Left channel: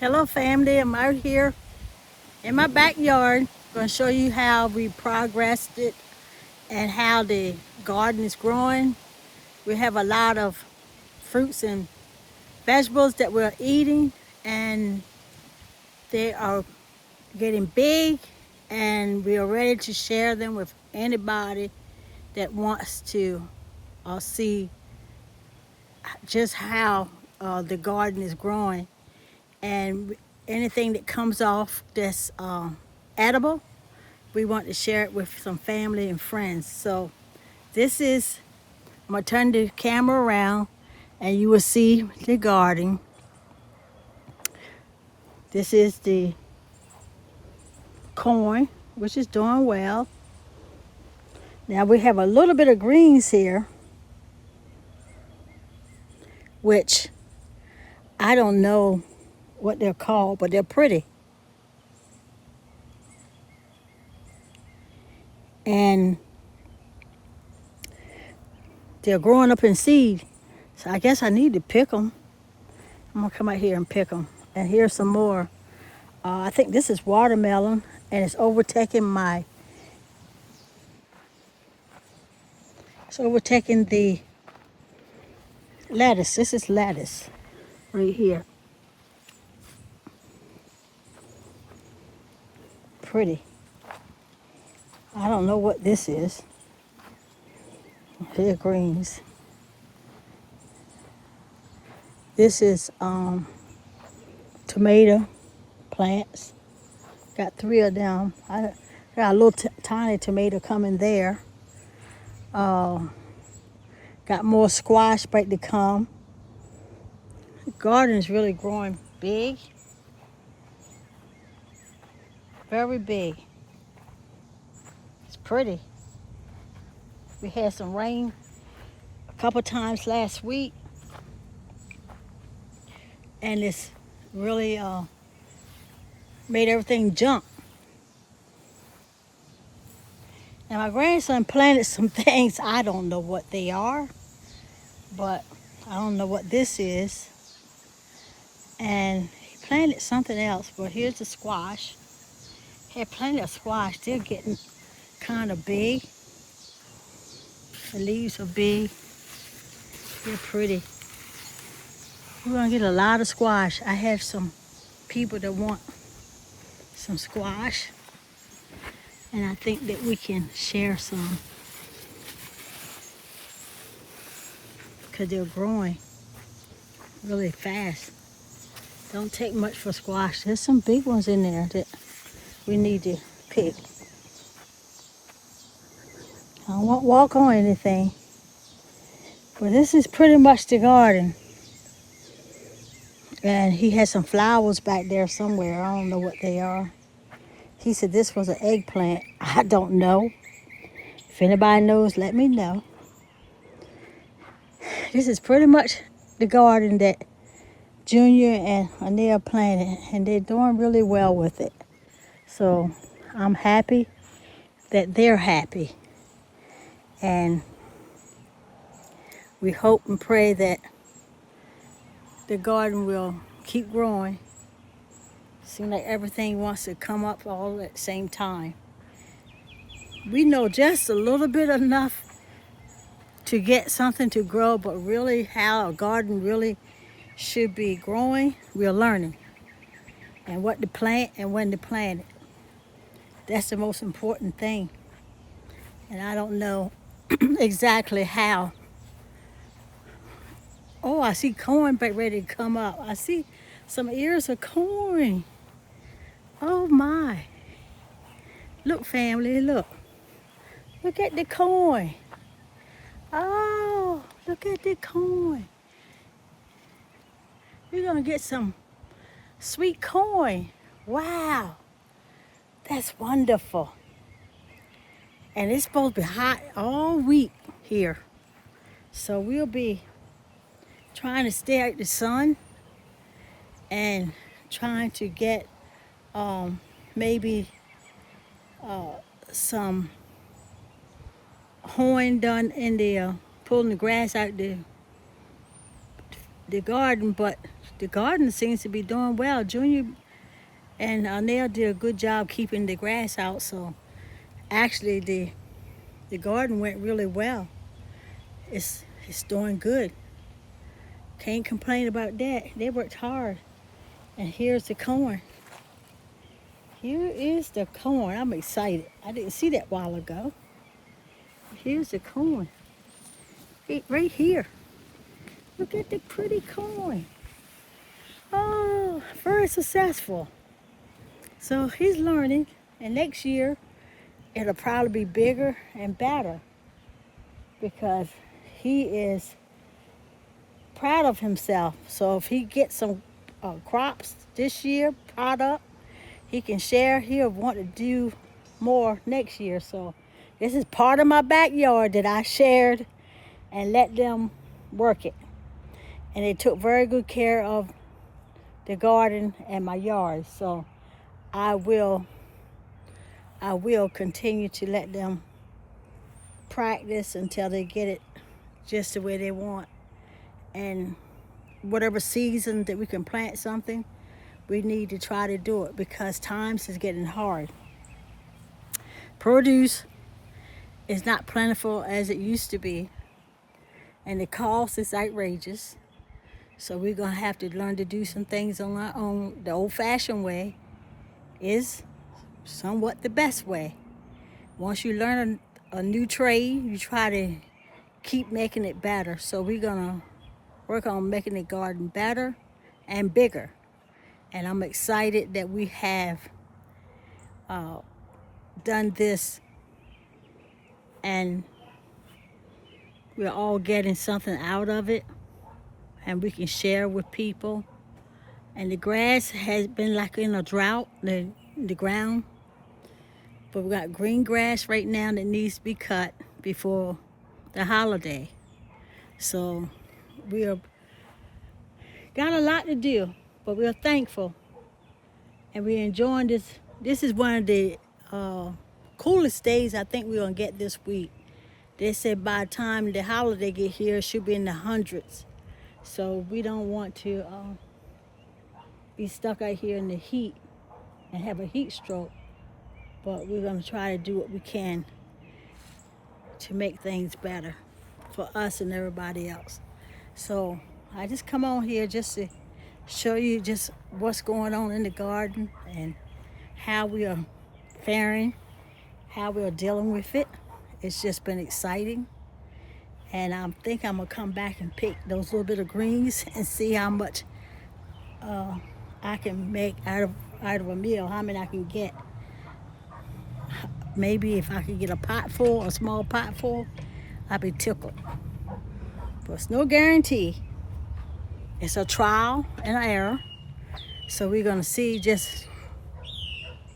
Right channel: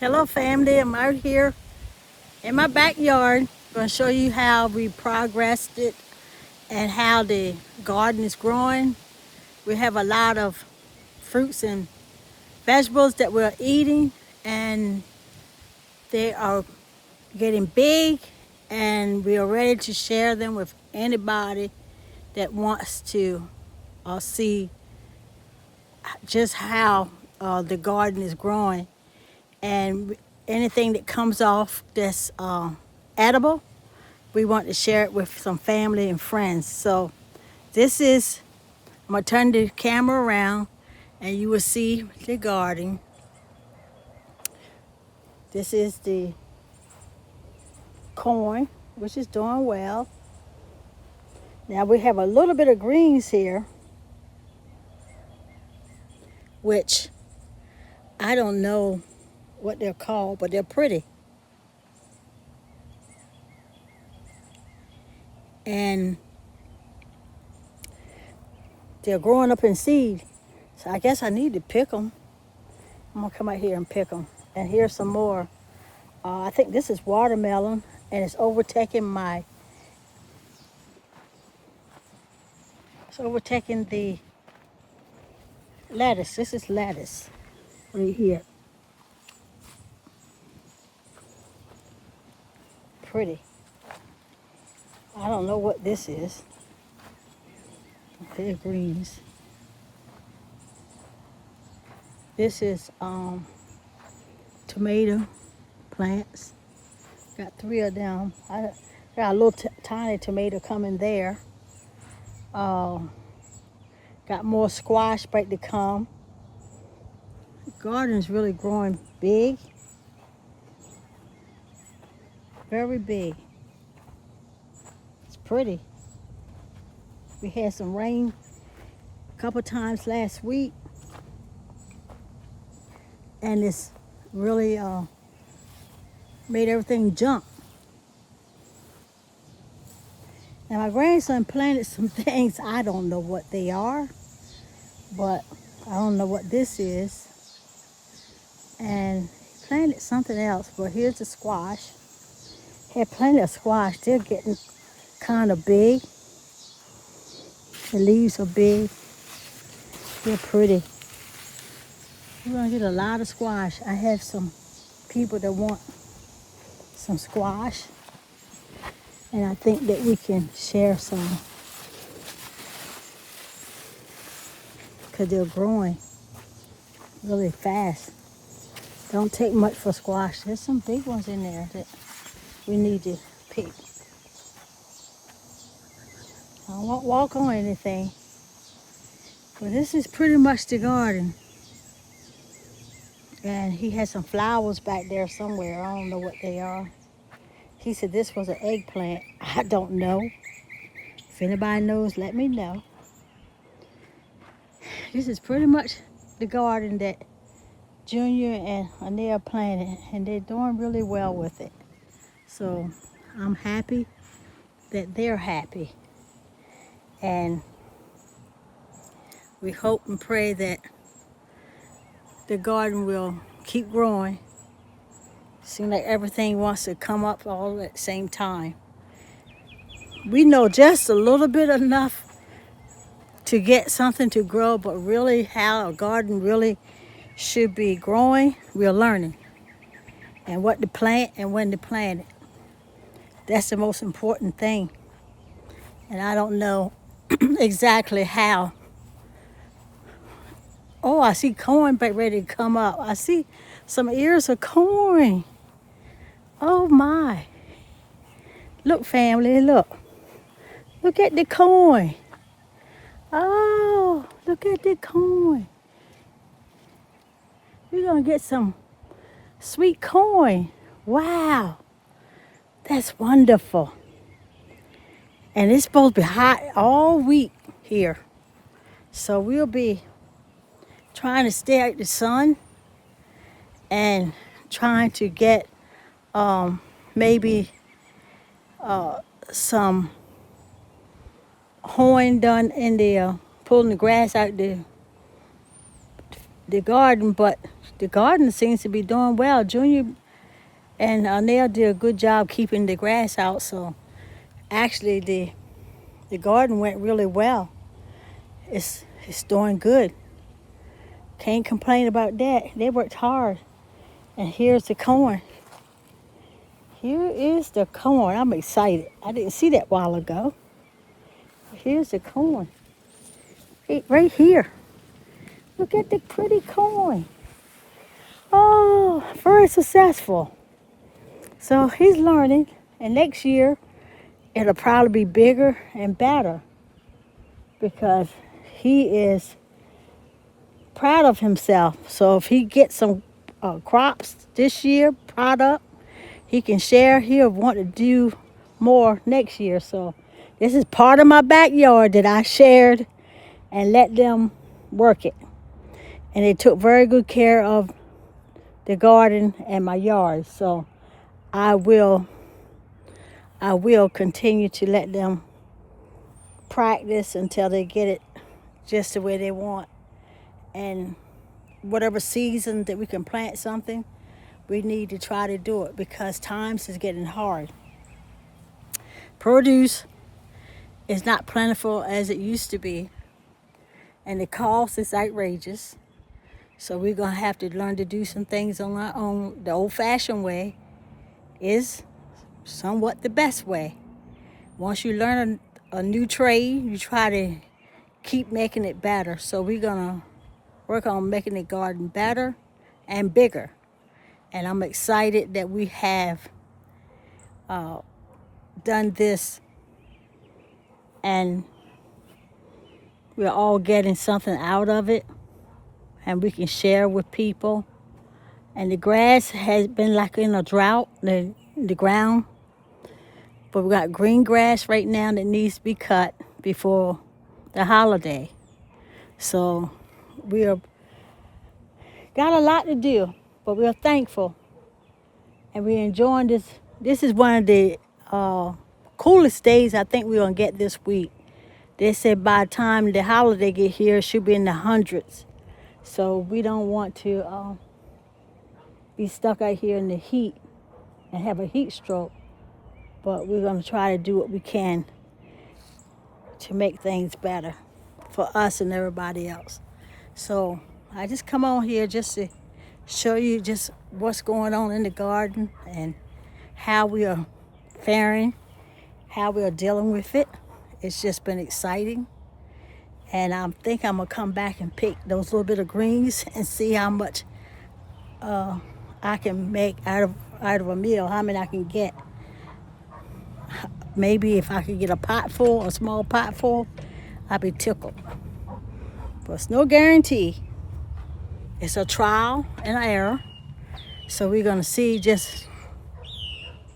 Hello family, I'm out here in my backyard. Going to show you how we progressed it and how the garden is growing. We have a lot of fruits and vegetables that we're eating, and they are getting big, and we are ready to share them with anybody that wants to see just how the garden is growing, and anything that comes off that's edible, we want to share it with some family and friends. So this is, I'm gonna turn the camera around and you will see the garden. This is the corn, which is doing well. Now we have a little bit of greens here, which I don't know what they're called, but they're pretty. And they're growing up in seed. So I guess I need to pick them. I'm gonna come out here and pick them. And here's some more. I think this is watermelon, and it's overtaking the lettuce. This is lettuce right here. Pretty. I don't know what this is. They're greens. This is tomato plants. Got 3 of them. I got a little tiny tomato coming there. Got more squash back to come. The garden is really growing big. Very big. It's pretty. We had some rain a couple times last week, and it's really made everything jump. Now my grandson planted some things. I don't know what they are, but I don't know what this is. And he planted something else, but here's the squash. He had plenty of squash. They're getting kind of big. The leaves are big. They're pretty. We're gonna get a lot of squash. I have some people that want some squash, and I think that we can share some because they're growing really fast. Don't take much for squash. There's some big ones in there that we need to pick. I won't walk on anything, but this is pretty much the garden. And he has some flowers back there somewhere. I don't know what they are. He said this was an eggplant. I don't know. If anybody knows, let me know. This is pretty much the garden that Junior and Anil planted, and they're doing really well with it. So I'm happy that they're happy. And we hope and pray that the garden will keep growing. Seems like everything wants to come up all at the same time. We know just a little bit enough to get something to grow, but really how a garden really should be growing, we're learning. And what to plant and when to plant it. That's the most important thing. And I don't know exactly how. Oh, I see corn back ready to come up. I see some ears of corn. Oh my. Look family, look. Look at the corn. Oh, look at the corn. We're gonna get some sweet corn. Wow, that's wonderful. And it's supposed to be hot all week here. So we'll be trying to stay out the sun and trying to get maybe some hoeing done in the pulling the grass out the the garden, but the garden seems to be doing well. Junior and Nell did a good job keeping the grass out, so actually the garden went really well. It's doing good. Can't complain about that. They worked hard. And here's the corn. Here is the corn. I'm excited. I didn't see that a while ago. Here's the corn. Right here. Look at the pretty corn. Oh, very successful. So he's learning, and next year it'll probably be bigger and better because he is proud of himself. So if he gets some crops this year, product, he can share. He'll want to do more next year. So this is part of my backyard that I shared and let them work it. And they took very good care of the garden and my yard. So I will continue to let them practice until they get it just the way they want. And whatever season that we can plant something, we need to try to do it because times is getting hard. Produce is not plentiful as it used to be, and the cost is outrageous. So we're gonna have to learn to do some things on our own. The old-fashioned way is somewhat the best way. Once you learn a new trade, you try to keep making it better. So we're gonna work on making the garden better and bigger. And I'm excited that we have done this and we're all getting something out of it and we can share with people. And the grass has been like in a drought, the ground. But we got green grass right now that needs to be cut before the holiday. So we are got a lot to do, but we're thankful and we're enjoying this. This is one of the coolest days I think we're gonna get this week. They said by the time the holiday get here, it should be in the hundreds. So we don't want to be stuck out here in the heat and have a heat stroke. But we're gonna try to do what we can to make things better for us and everybody else. So I just come on here just to show you just what's going on in the garden and how we are faring, how we are dealing with it. It's just been exciting. And I think I'm gonna come back and pick those little bit of greens and see how much I can make out of a meal, how many I can get. Maybe if I could get a pot full, a small pot full, I'd be tickled. But it's no guarantee. It's a trial and error. So we're gonna see just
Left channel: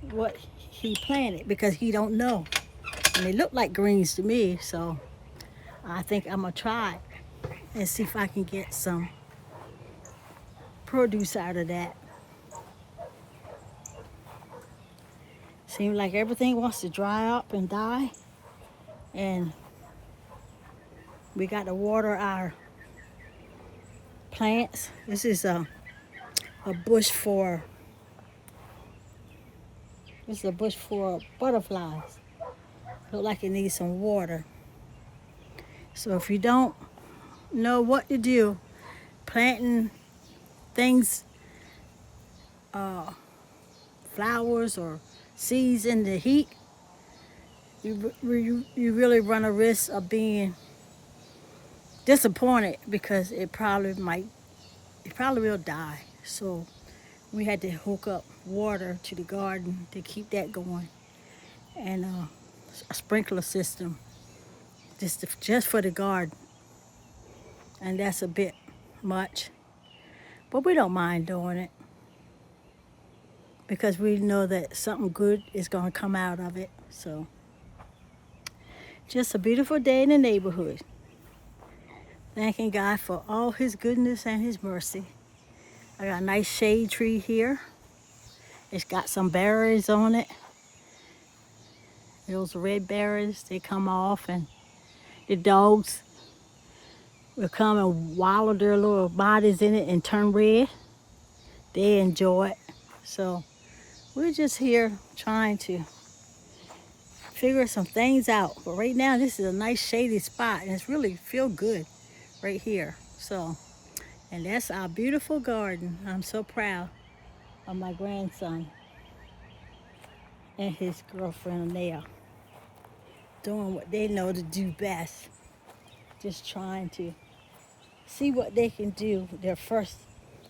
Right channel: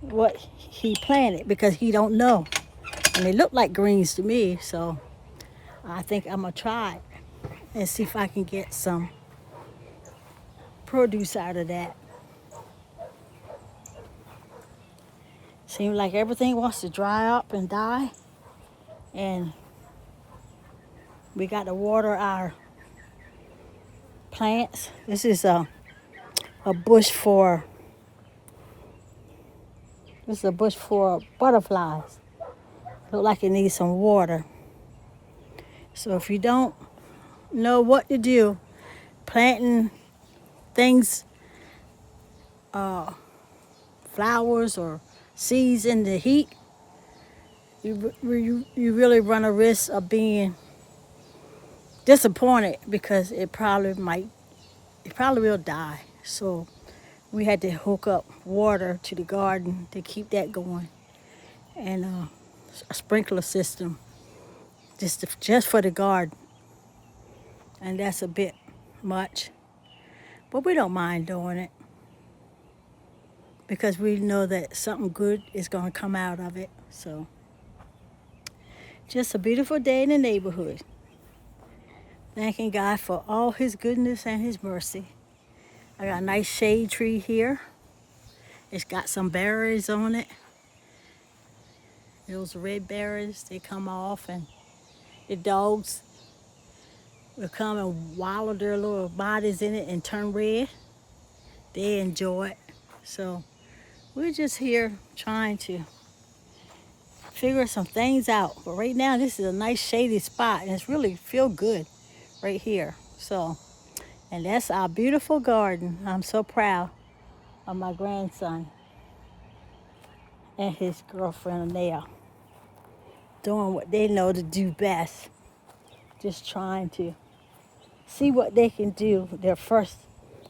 what he planted because he don't know. And they look like greens to me, so I think I'm gonna try it and see if I can get some produce out of that. Seems like everything wants to dry up and die. And we got to water our plants. This is a bush for butterflies. Look like it needs some water. So if you don't know what to do, planting things, flowers or seeds in the heat, you really run a risk of being disappointed because it probably will die. So we had to hook up water to the garden to keep that going, and a sprinkler system just for the garden. And that's a bit much, but we don't mind doing it because we know that something good is going to come out of it. So just a beautiful day in the neighborhood. Thanking God for all his goodness and his mercy. I got a nice shade tree here. It's got some berries on it. Those red berries, they come off, and the dogs will come and wallow their little bodies in it and turn red. They enjoy it. So we're just here trying to figure some things out. But right now, this is a nice shady spot, and it's really feel good right here. So, and that's our beautiful garden. I'm so proud of my grandson and his girlfriend. They are doing what they know to do best. Just trying to see what they can do. Their first,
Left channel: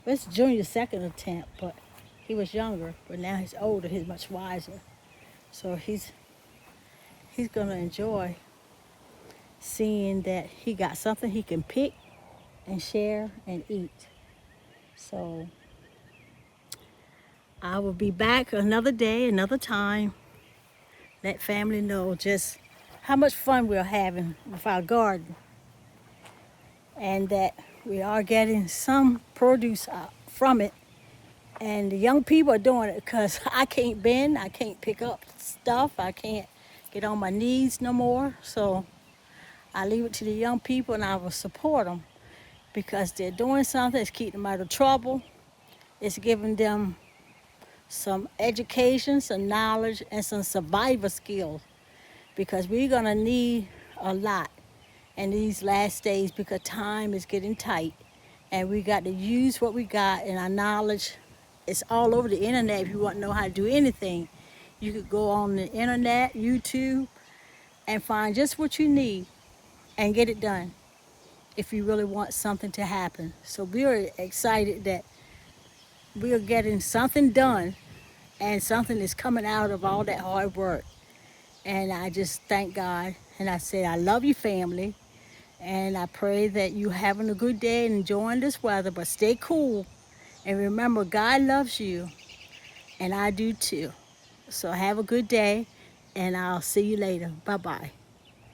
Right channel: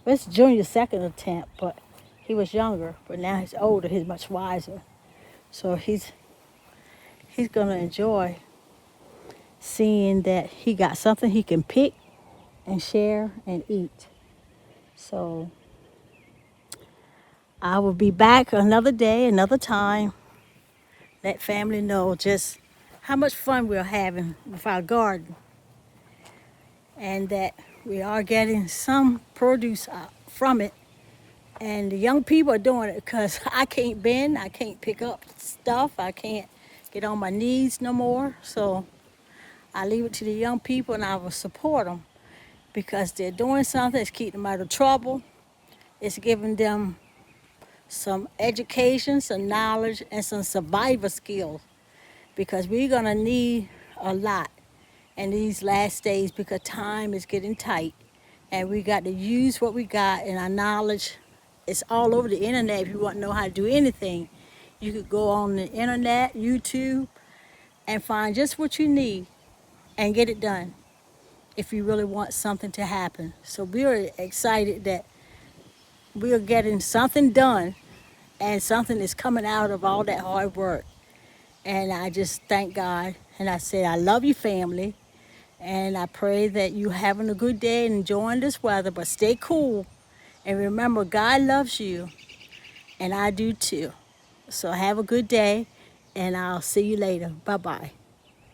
it's junior second attempt, but he was younger. But now he's older. He's much wiser. So he's gonna enjoy seeing that he got something he can pick and share and eat. So I will be back another day, another time. Let family know just how much fun we're having with our garden, and that we are getting some produce from it. And the young people are doing it because I can't bend, I can't pick up stuff, I can't get on my knees no more. So I leave it to the young people, and I will support them because they're doing something. It's keeping them out of trouble. It's giving them some education, some knowledge, and some survival skills, because we're gonna need a lot in these last days because time is getting tight, and we got to use what we got, and our knowledge is all over the internet. If you want to know how to do anything, you could go on the internet, YouTube, and find just what you need and get it done if you really want something to happen. So we're excited that we're getting something done, and something is coming out of all that hard work. And I just thank God, and I say I love you, family, and I pray that you having a good day and enjoying this weather, but stay cool. And remember, God loves you, and I do too. So have a good day, and I'll see you later. Bye-bye.